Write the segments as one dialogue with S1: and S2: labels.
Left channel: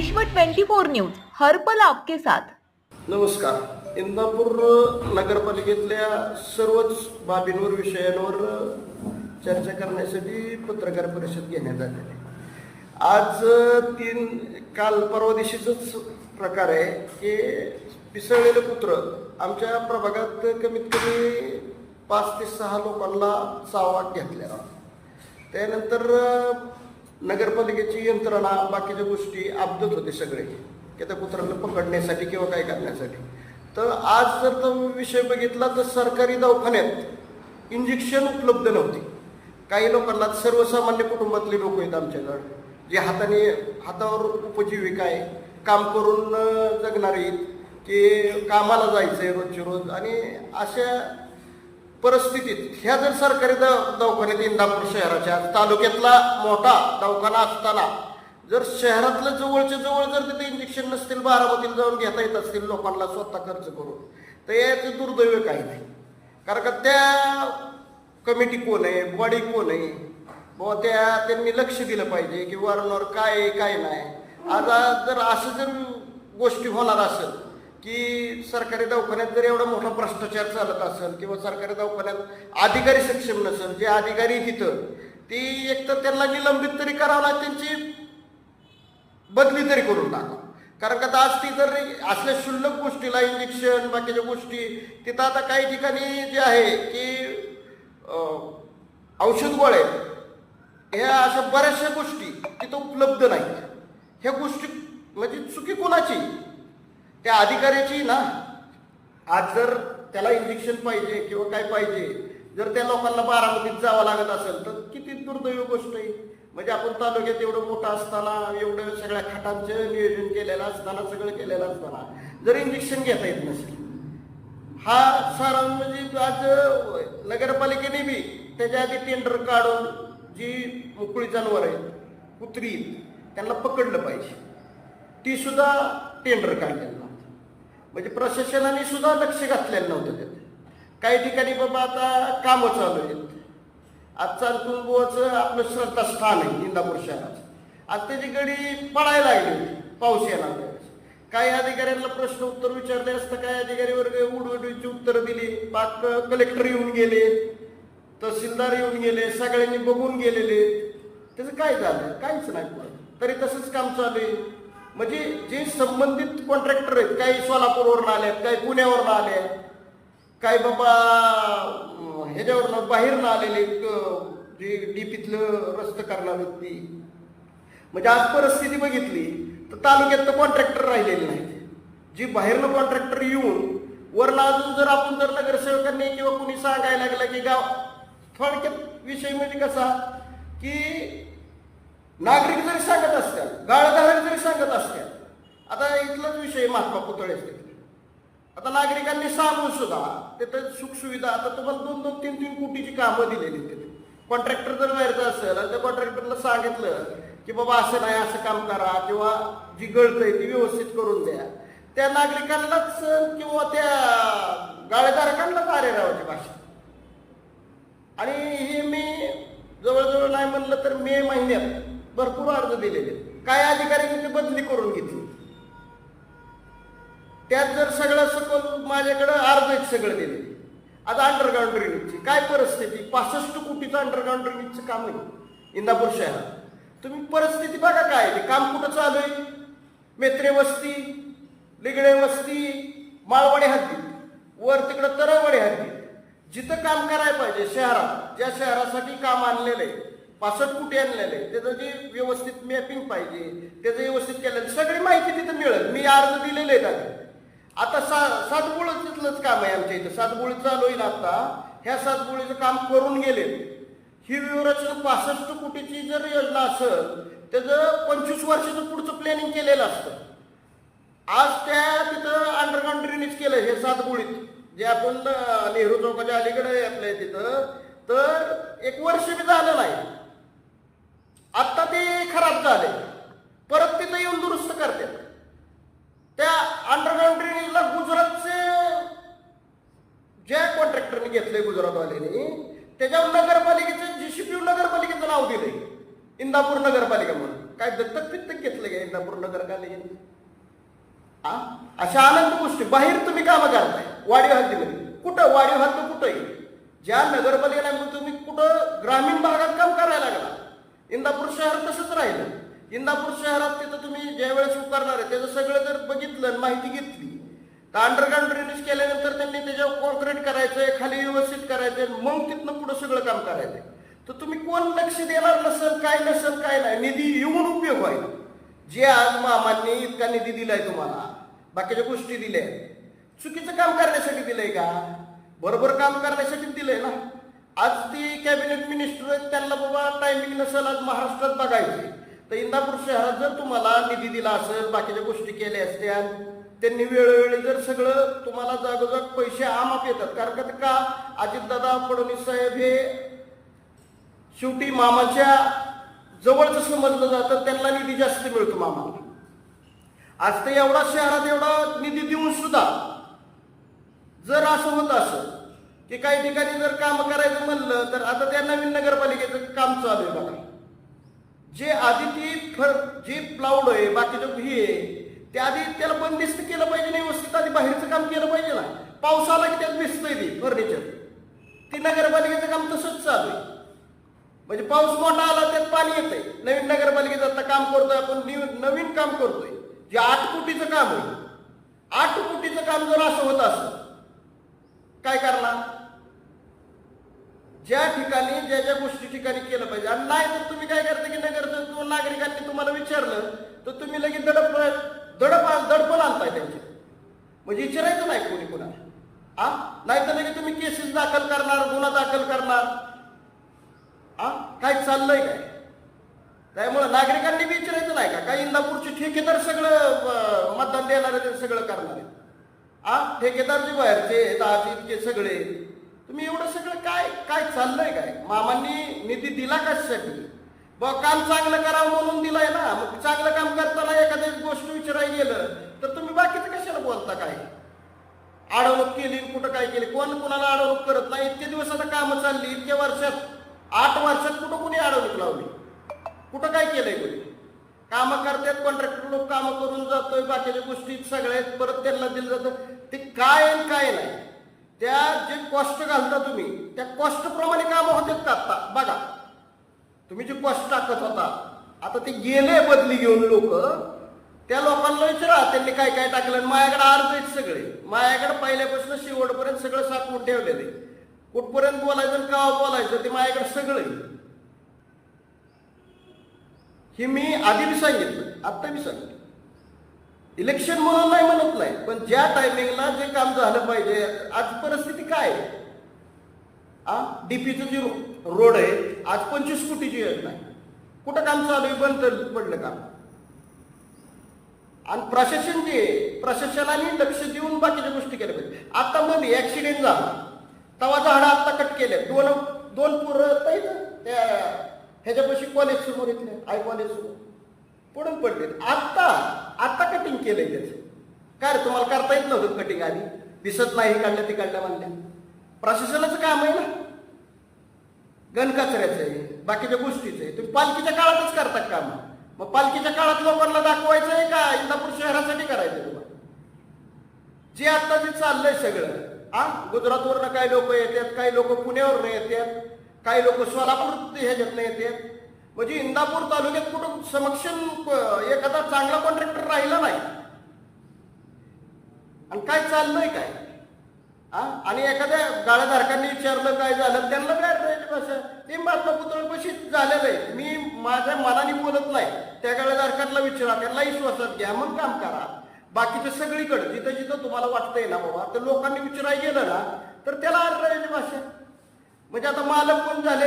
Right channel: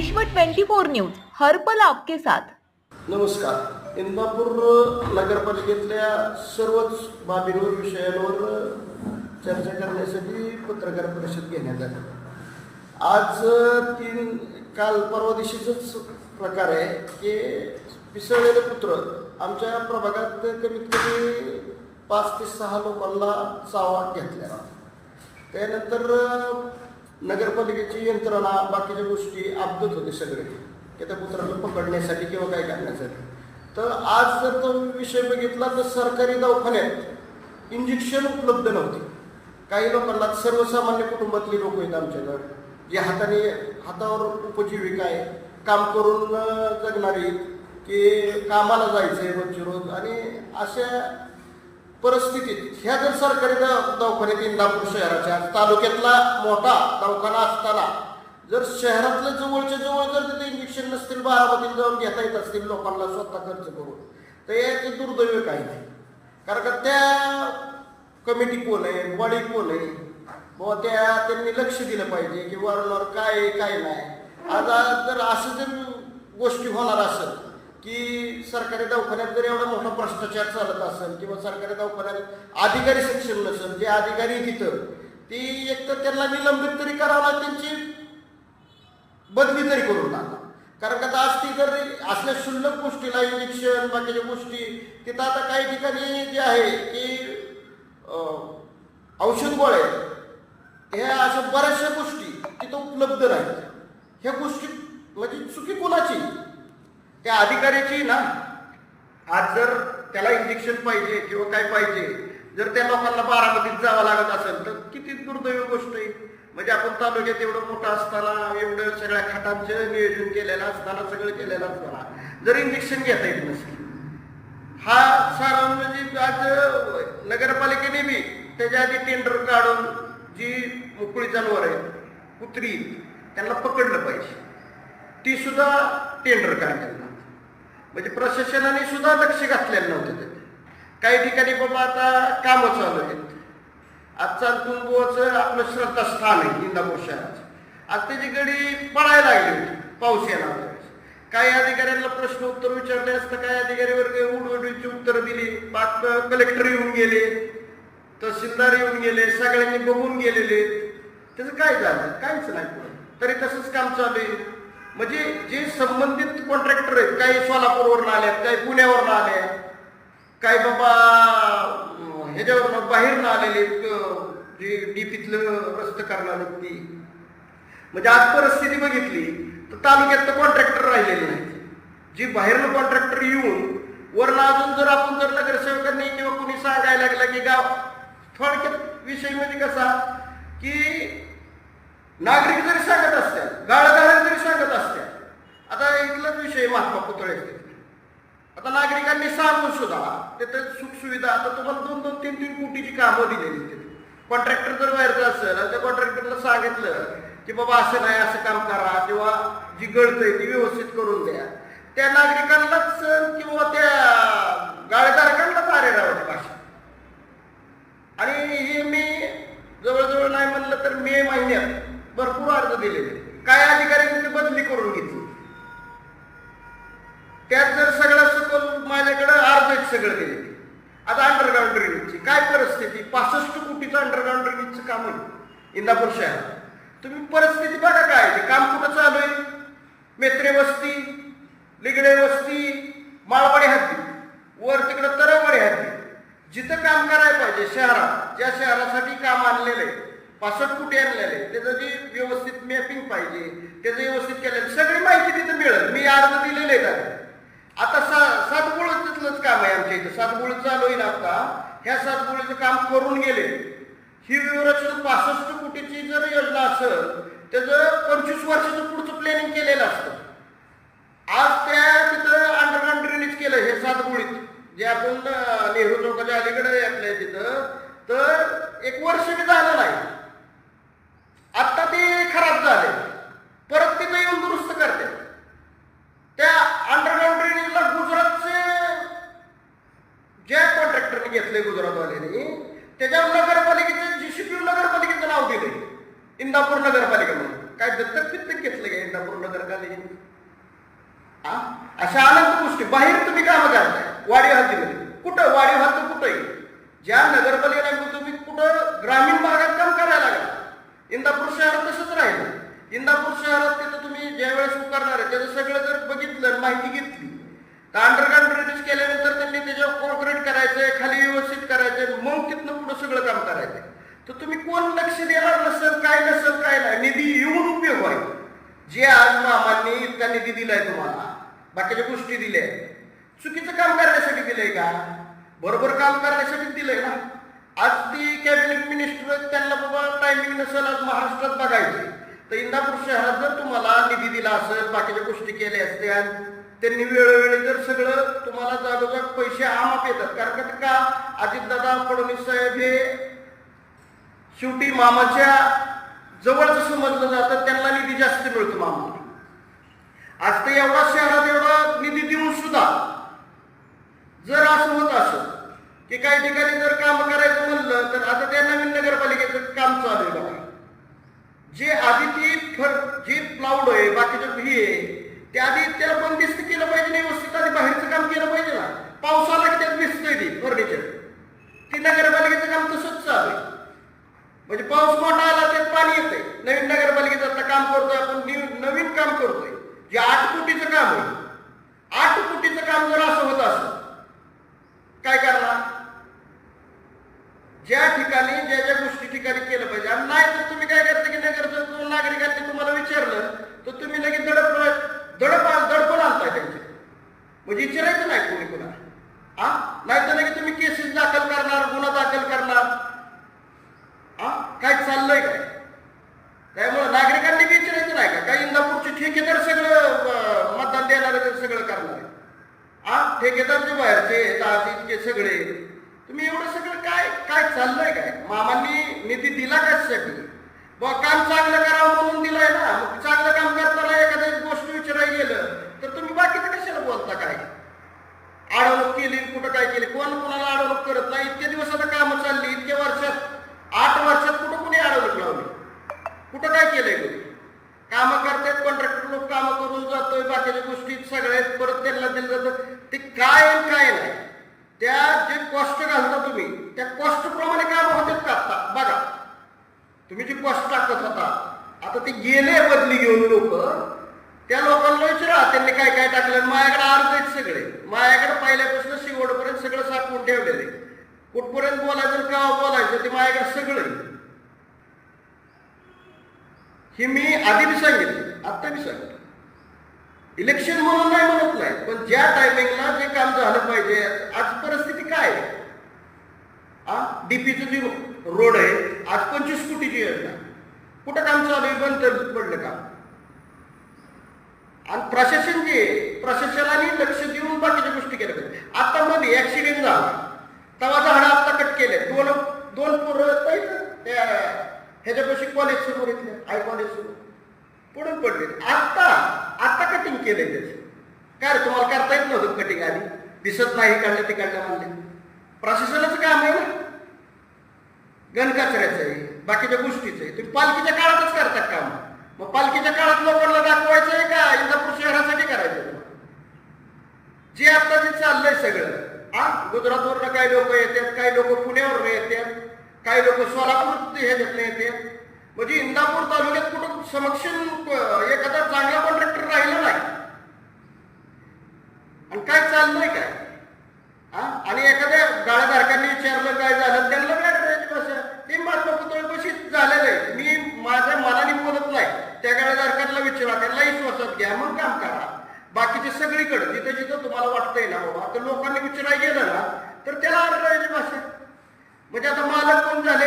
S1: विश्व 24 न्यूज हरपल आपके साथ.
S2: नमस्कार. इंदापूर नगरपालिकेतल्या सर्वच बाबींवर विषयांवर चर्चा करण्यासाठी पत्रकार परिषद घेण्यात आली आज तीन काल परवा दिवशीच प्रकार आहे की पिसळलेले पुत्र आमच्या प्रभागात कमीत कमी पाच ते सहा लोकांना चावा घेतलेला त्यानंतर नगरपालिकेची यंत्रणा बाकीच्या गोष्टी अब्दत होते सगळे. की त्या कुत्र्यांना पकडण्यासाठी किंवा काय करण्यासाठी. तर आज जर तो विषय बघितला तर सरकारी दवाखान्यात इंजेक्शन उपलब्ध नव्हते. काही लोकांना सर्वसामान्य कुटुंबातले लोक आहेत आमच्याकडं जे हाताने हातावर उपजीविका आहे काम करून जगणारी की कामाला जायचंय रोजची रोज. आणि अशा परिस्थितीत. ह्या जर सरकारी दवाखान्यात इंदापूर शहराच्या तालुक्यातला मोठा दवाखाना असताना जर शहरातलं जवळच्या जवळ जर तिथे इंजेक्शन नसतील बारामतीला जाऊन घेता येत असतील लोकांना स्वतः खर्च करून तर याचे दुर्दैव काही नाही. कारण का त्या कमिटी कोण आहे बॉडी कोण आहे बुवा त्या त्यांनी लक्ष दिलं पाहिजे की वारंवार काय आहे काय नाही. आता आज जर असं जर गोष्टी होणार असेल की सरकारी दवाखान्यात जर एवढा मोठा भ्रष्टाचार चालत असेल किंवा सरकारी दवाखान्यात अधिकारी सक्षम नसेल जे अधिकारी तिथं ती एक तर त्यांना निलंबित तरी करावं त्यांची बदली तरी करून टाका. कारण का आता आज ती जर असल्या क्षुल्लक गोष्टीला इंजेक्शन बाकीच्या गोष्टी तिथं आता काही ठिकाणी जे आहे की औषध गोळे ह्या अशा बऱ्याचशा गोष्टी तिथं उपलब्ध नाहीत. ह्या गोष्टी म्हणजे चुकी कोणाची? त्या अधिकाऱ्याची ना आज जर त्याला इंजेक्शन पाहिजे किंवा काय पाहिजे जर त्या लोकांना बारामतीत जावं लागत असेल तर किती दुर्दैव गोष्ट आहे. म्हणजे आपण तालुक्यात एवढं मोठं असताना एवढं सगळ्या खाटांचं नियोजन केलेलं असताना सगळं केलेलं असताना जर इंजेक्शन घेता येत नसेल. हा सारण म्हणजे आज नगरपालिकेने बी त्याच्या आधी टेंडर काढून जी मोकळी जनावर आहेत कुत्री त्यांना पकडलं पाहिजे. ती सुद्धा टेंडर काढलेलं म्हणजे प्रशासनाने सुद्धा लक्ष घातलेलं नव्हतं ते काही ठिकाणी बाबा आता कामं चालू आहेत. आज तुंबुवाचं आपलं श्रद्धास्थान आहे इंदापूर शहराचं. आज त्याची गडी पळायला लागली होती पाऊस येणार काही अधिकाऱ्यांना प्रश्न उत्तर विचारले असता काही अधिकारी वर्ग उडवडीची उत्तरं दिली. बात कलेक्टर येऊन गेले तहसीलदार येऊन गेले सगळ्यांनी बघून गेलेले. त्याचं काय झालं? काहीच नाही तरी तसंच काम चालू आहे. म्हणजे जे संबंधित कॉन्ट्रॅक्टर आहेत काही सोलापूरवरून आले आहेत काही पुण्यावरून आले आहेत काही बाबा ह्याच्यावरनं बाहेरनं आलेले जे डीपीतलं रस्त करणार ती. म्हणजे आज परिस्थिती बघितली तर तालुक्यात तर कॉन्ट्रॅक्टर राहिलेले नाहीत. जी बाहेरनं कॉन्ट्रॅक्टर येऊन वरनं अजून जर आपण जर नगरसेवकांनी किंवा कुणी सांगायला लागलं की गाव थोडक्यात विषय म्हणजे कसा की नागरिक जरी सांगत असत्या गाळगाळ जरी सांगत असत्या आता इथलाच विषय महात्मा पुतळ्याचे आता नागरिकांनी सांगून सुद्धा तिथे सुखसुविधा आता तुम्हाला दोन दोन तीन तीन कोटीची कामं दिलेली कॉन्ट्रॅक्टर जर व्हायचं असेल आणि त्या कॉन्ट्रॅक्टरला सांगितलं की बाबा असं नाही असं काम करा किंवा जी गळतंय ती व्यवस्थित करून द्या. त्या नागरिकांनाच किंवा त्या गाळेधारकांनाच आरे राहायची भाषा. आणि हे मी जवळजवळ नाही म्हणलं तर मे महिन्यात भरपूर अर्ज दिलेले. काय अधिकाऱ्यांनी बदली करून घेतली. त्यात जर सगळं सकल माझ्याकडं अर्ज सगळं दिले आता अंडरग्राऊंड ड्रेनेजची काय परिस्थिती? पासष्ट कोटीचं अंडरग्राऊंड ड्रेनेजचं काम आहे. इंदापूर शहरात. तुम्ही परिस्थिती बघा काय ते काम कुठं चालू आहे? मेत्रे वस्ती लिगडे वस्ती माळवाडी हद्दी. वर तिकडं तरवाडी हद्दी. जिथं काम करायला पाहिजे शहरात ज्या शहरासाठी काम आणलेलं आहे. पासष्ट कुठे आणलेले आहे, त्याचं जे व्यवस्थित मॅपिंग पाहिजे त्याचं व्यवस्थित केलेलं सगळी माहिती तिथं मिळेल. मी अर्ज दिलेले आहेत आता सा सातबोळीतलंच काम आहे आमच्या इथं. सातबोळी चालू होईल आता. ह्या सातगुळीचं काम करून गेले. ही विवरचना पासष्ट कोटीची जर योजना असेल त्याचं पंचवीस वर्षाचं पुढचं प्लॅनिंग केलेलं असतं. आज त्या तिथं अंडरग्राऊंड रिलीज केलं हे सातगुळीत जे आपण नेहरू चौकाच्या अलीकडे आपल्या तिथं तर एक वर्ष बी झालं नाही आता ते खराब झाले परत तिथं येऊन दुरुस्त करते त्या अंडरग्राऊंड ड्रेनेजला गुजरातचे ज्या कॉन्ट्रॅक्टरने घेतले गुजरातवाल्याने त्याच्यावर नगरपालिकेचं जीसीपी नगरपालिकेचं नाव दिलंय इंदापूर नगरपालिका म्हणून काय दत्तक बित्तक घेतलं काय इंदापूर नगरपालिकेत हा अशा अनंत गोष्टी. बाहेर तुम्ही कामं करताय वाडी हद्दीमध्ये कुठं? वाडी हद्द कुठंही. ज्या नगरपालिकेला तुम्ही कुठं? ग्रामीण भागात काम करायला लागला. इंदापूर शहरात तसंच राहिलं. इंदापूर शहरात तिथं तुम्ही ज्या वेळेस उकारणार आहे त्याचं सगळं जर बघितलं माहिती घेतली तर अंडरग्राऊंड ड्रेनेज केल्यानंतर त्यांनी त्याच्यावर कॉन्क्रीट करायचंय खाली व्यवस्थित करायचंय मग तिथनं पुढं सगळं काम करायचंय. तर तुम्ही कोण लक्ष देणार नसेल काय नसेल काय नाही निधी येऊन उपयोग आहे जे आज मामांनी इतका निधी दिलाय तुम्हाला. बाकीच्या गोष्टी दिल्या. चुकीचं काम करण्यासाठी दिलंय का? बरोबर काम करण्यासाठी दिलंय ना. आज ती कॅबिनेट मिनिस्टर त्यांना बाबा टायमिंग नसेल आज महाराष्ट्रात बघायचे. तर इंदापूर शहरात जर तुम्हाला निधी दिला असेल बाकीच्या गोष्टी केल्या असत्या त्यांनी वेळोवेळी जर सगळं तुम्हाला जागोजाग पैसे आमाप येतात. कारण का- का अजितदादा फडणवीस साहेब हे शेवटी मामाच्या जवळचं समजलं जातं त्यांना निधी जास्त मिळतो मामा आज ते एवढा शहरात एवढा निधी देऊन सुद्धा जर असं होत असं की काही ठिकाणी जर काम करायचं म्हणलं तर आता त्या नवीन नगरपालिकेचं काम चालू आहे बघा. जे आधी ती फर जे प्लाउड आहे बाकीचं भी आहे ते आधी त्याला बंदिस्त केलं पाहिजे नाही व्यवस्थित आधी बाहेरचं काम केलं पाहिजे ना. पाऊस आला की त्यात दिसतंय ती फर्निचर. ती नगरपालिकेचं काम तसंच चालू आहे. म्हणजे पाऊस मोठा आला त्यात पाणी येतंय. नवीन नगरपालिकेचं आता काम करतोय आपण नवीन काम करतोय. जे आठ कोटीचं काम आहे. आठ कोटीचं काम जर असं होत असं काय करणार? ज्या ठिकाणी ज्या ज्या गोष्टी ठिकाणी केलं पाहिजे. आणि नाही तर तुम्ही काय करता की नगरचं नागरिकांनी तुम्हाला विचारलं तर तुम्ही लगेच दडप दडप दडपण आणताय त्यांचे. म्हणजे विचारायचं नाही कोणी कोणा हा नाही तर लगेच तुम्ही केसेस दाखल करणार गुन्हा दाखल करणार. हा काय चाललंय काय? त्यामुळे नागरिकांनी विचारायचं नाही का? काही इंदापूरचे ठेकेदार सगळं मतदान देणार सगळं करणार आहे? हा ठेकेदार जे बाहेरचे आहेत, इतके सगळे तुम्ही एवढं सगळं काय काय चाललंय काय? मामांनी निधी दिला कशासाठी बा काम चांगलं करावं म्हणून दिलाय ना. मग चांगलं काम करताना एखाद्या गोष्ट विचारायला गेलं तर तुम्ही बाकीचं कशाला बोलता काय? अडवणूक केली कुठं काय केली? कोण कोणाला अडवणूक करत नाही? इतक्या दिवसाला कामं चालली इतक्या वर्षात आठ वर्षात कुठं कुणी अडवणूक लावली? कुठं काय केलंय कोणी कामं करतात कॉन्ट्रॅक्टर लोक कामं करून जातोय बाकीच्या गोष्टी सगळ्या आहेत, परत त्यांना दिलं जातं. ते काय आणि काय नाही. त्या जे कॉस्ट घालता तुम्ही त्या कॉस्ट प्रमाणे कामं होतात का आता? बघा. तुम्ही जे कॉस्ट टाकत होता आता ते गेले बदली घेऊन लोक. त्या लोकांना विचारा त्यांनी काय काय टाकलं? माझ्याकडे अर्ज आहेत सगळे. माझ्याकडे पहिल्यापासून शेवटपर्यंत सगळं साठवून ठेवलेले कुठपर्यंत बोलायचं का बोलायचं ते माझ्याकडे सगळं हे मी आधी बी सांगितलं आत्ता बी सांगितलं. इलेक्शन म्हणून नाही म्हणत नाही पण ज्या टायमिंगला जे काम झालं पाहिजे आज परिस्थिती काय आहे? आ? डीपीचं जे रोड आहे आज पंचवीस कोटीची योजना. आहे. कुठं काम चालू आहे? बंद पडलं काम आणि प्रशासन जे प्रशासनाने लक्ष देऊन बाकीच्या गोष्टी केल्या पाहिजे. आता मध्ये ऍक्सिडेंट झाला. तवा झाडं आता कट केले दोन दोन पोरं ताई त्या ह्याच्यापाशी कॉलेज समोर इथले आय कॉलेज समोर पडून पडले. आत्ता आत्ता कटिंग केलंय त्याचं. काय तुम्हाला करता येत नव्हतं कटिंग आधी. दिसत नाही काढलं ते काढलं म्हणले प्रशासनाचं काम आहे ना. गणकचऱ्याचं आहे बाकीच्या गोष्टीचं आहे. तुम्ही पालखीच्या काळातच करतात काम. मग पालखीच्या काळात लोकांना दाखवायचं आहे का? इंदापूर शहरासाठी करायचं तुम्हाला. जे आता जे चाललंय सगळं हा? गुजरातवरनं काही लोक येतात काही लोक पुण्यावरनं येतात? काही लोक सोलापूर ह्याच्यातनं येतात म्हणजे इंदापूर तालुक्यात कुठं समक्षम एखादा चांगला कॉन्ट्रॅक्टर राहिला नाही. आणि काय चाललंय काय? हा? आणि एखाद्या गाळ्याधारकांनी विचारलं काय झालं त्यांना काय करायचं कसं? ते महात्मा पुतळे झालेलं आहे मी माझ्या मनाने बोलत नाही. त्या गाळ्याधारकांना विचारा त्यांना विश्वासात घ्या मग काम करा. बाकीचे सगळीकडे जिथं जिथं तुम्हाला वाटतंय ना बाबा तर लोकांनी विचारायला गेलं ना तर त्याला अर्थ भाषा म्हणजे आता मालक कोण झाले?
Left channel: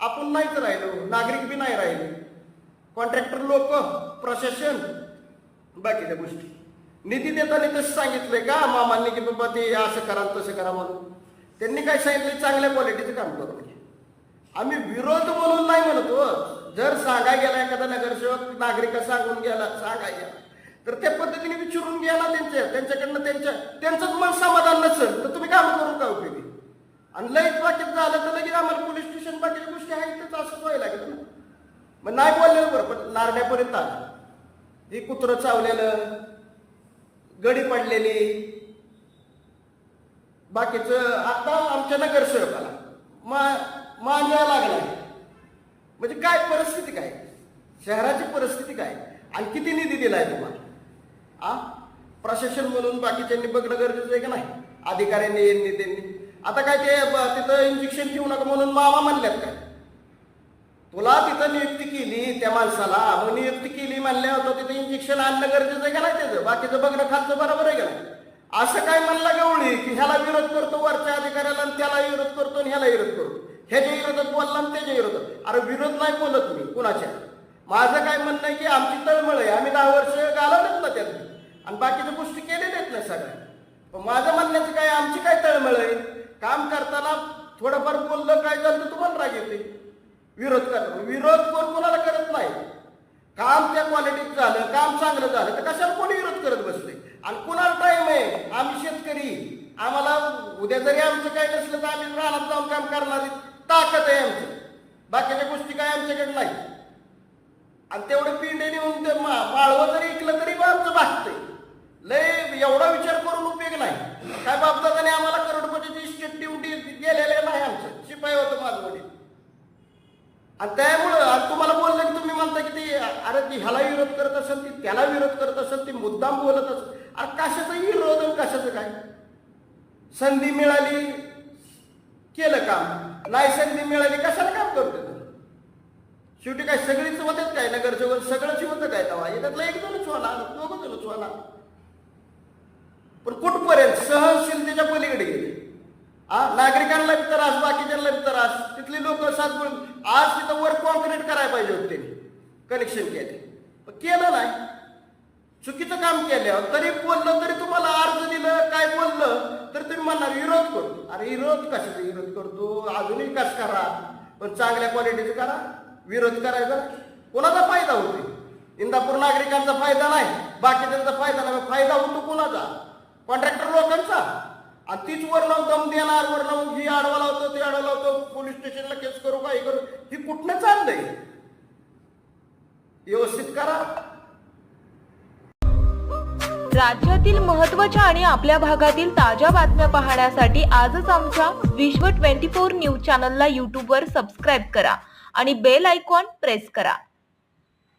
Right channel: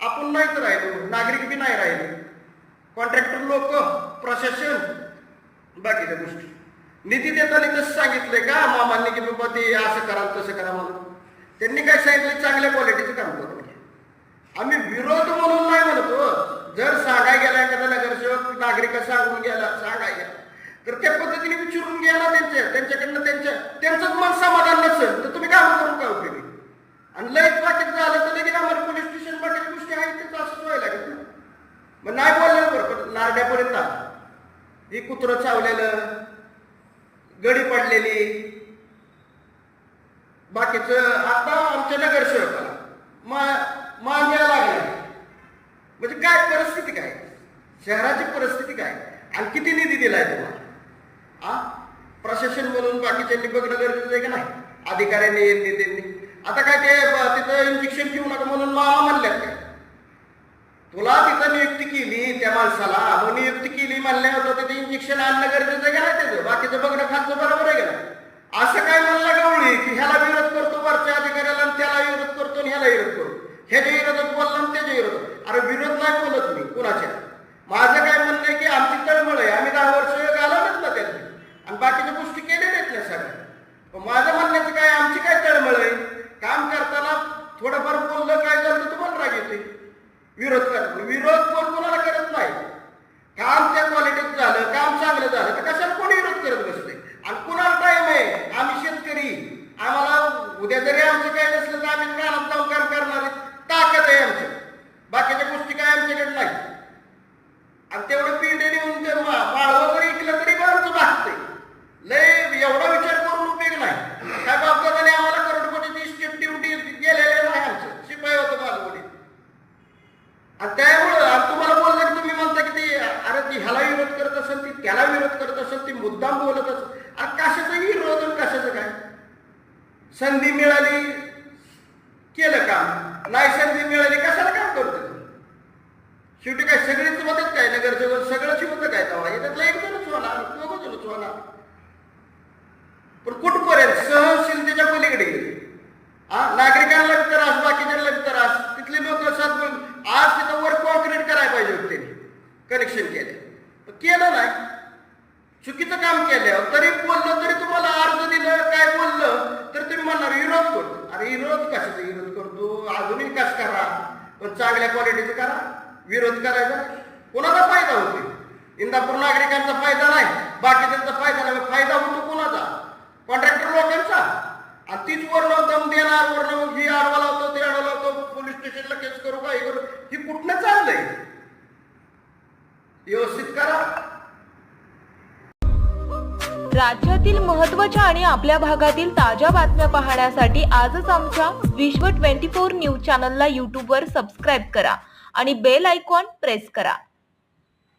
S2: आपण नाहीच राहिलो. नागरिक बी नाही राहिले. कॉन्ट्रॅक्टर लोक प्रशासन. बाकीच्या गोष्टी. निधी देताना कसं सांगितलंय का? मामांनी की बाबा ते असं करा तसं करा म्हणून. त्यांनी काय सांगितलं चांगल्या क्वालिटीचं काम करून आम्ही विरोध म्हणून नाही म्हणतो. जर सांगाय गेला एखादा नगरसेवक नागरिक सांगून गेला सांगाय गेला. तर त्या पद्धतीने विचारून गेला त्यांच्या. त्यांच्याकडनं त्यांच्या त्यांचंच मन समाधान नसेल तर तुम्ही काम करून का उपयोगी? आणि लईच पाकिट झालं तर लगेच आम्हाला पोलीस स्टेशन बाकीच्या गोष्टी आहेत त्याचं असंच व्हायला लागेल. ना. मग नाही बोललं बरं पण नारड्यापर्यंत आलं. हे कुत्रं चावलेलं गडी पडलेली. बाकीचं आता आमच्या नगरसेवकाला मा मान यायला लागला म्हणजे काय परिस्थिती काय? शहराची परिस्थिती काय? आणि किती निधी दिलाय तुम्हाला? आ? प्रशासन म्हणून बाकीच्यांनी बघणं गरजेचं आहे का नाही? अधिकाऱ्यांनी यांनी त्यांनी. आता काय ते तिथं इंजेक्शन घेऊ नका म्हणून मामा म्हणल्यात काय? तुला तिथं नियुक्ती केली त्या माणसाला मग नियुक्ती केली म्हणल्यावर तिथे इंजेक्शन आणणं गरजेचं गेला त्याचं? बाकीचं बघणं खालचं बरोबर आहे गेला असं काय म्हणलं गवळी की ह्याला विरोध करतो वरच्या अधिकाऱ्याला आणि त्याला विरोध करतो आणि ह्याला विरोध करतो. ह्याच्या विरोधात बोलला आणि त्याच्या विरोधात. अरे विरोध नाही बोलत मी कुणाच्या. माझं काय म्हणणं आहे की आमची तळमळ आहे आम्ही दहा वर्ष घालवलंच ना त्यातली. आणि बाकीच्या गोष्टी केलेल्या आहेत ना सगळ्या. माझं म्हणण्याचं काय आमची काय तळमळ आहे? काम करताना थोडंफार बोललं काय झालं तर तुम्हाला राग येते. विरोध करतो विरोध कोण कोणाला करत नाही. काम त्या क्वालिटीत झालं काम चांगलं झालं तर कशाला कोणी विरोध करत बसते? आणि कुणाला टाईम आहे? आम्ही शेतकरी. आम्हाला उद्या जरी आमचं काय नसलं तर आम्ही रानात जाऊन काम करणारी ताकद आहे आमची. बाकीच्या गोष्टी काय आमच्याकडे नाही. आणि तेवढं पिंडे नेऊन ते मा- जरी ऐकलं तरी आमचं भागते लय एवढा विचार करून उपयोग नाही. काय बाबदादाने आम्हाला करोडपतीची ड्युटी गेलेले नाही शिपाई होतो माझं वडील. आणि त्यामुळं तुम्हाला बोललं की तुम्ही म्हणता की ती अरे ती ह्याला विरोध करत असेल ती त्याला विरोध करत असेल ती मुद्दाम बोलत असेल. अरे कशाचं विरोध आणि कशाचं काय? संधी मिळाली केलं काम. नाही संधी मिळाली कशाला काम करतो शेवटी काय सगळीच मदत काय नगरसेवक? सगळंच होतं काय तेव्हा? याच्यातलं एक जणच होणार दोघं जणच होणार. पण कुठपर्यंत? सहनशीलतेच्या पलीकडे गेले. नागरिकांना बी त्रास बाकीच्यांना बी त्रास. तिथले लोक साधून आज तिथं वर कॉन्क्रीट करायला पाहिजे होते त्यांनी. कनेक्शन केले. केलं नाही. चुकीचं काम केलं. तरी बोललं तरी तुम्हाला अर्ज दिलं काय बोललं तर तुम्ही म्हणणार विरोध करतो अरे विरोध कशाचा विरोध करतो? अजूनही कस करा? पण चांगल्या क्वालिटीचं करा. विरोध करायचा कोणाचा फायदा होतो? इंदापूर नागरिकांचा फायदा नाही. बाकीच्यांचा फायदा नाही. फायदा होतो कोणाचा? कॉन्ट्रॅक्टर लोक आणि तीच वर्ण दम देणार वर्ण ही आडवा लावतो ते आडवा लावतो पोलीस स्टेशनला केस करू का हे करू? ही कुठनं चाललंय? व्यवस्थित करा.
S1: राज्यातील महत्त्वाच्या आणि आपल्या भागातील ताज्या बातम्या पाहण्यासाठी आजच आमच्या विश्व 24 न्यूज चॅनलला यूट्यूबवर सबस्क्राईब करा आणि बेल आयकॉन प्रेस करा.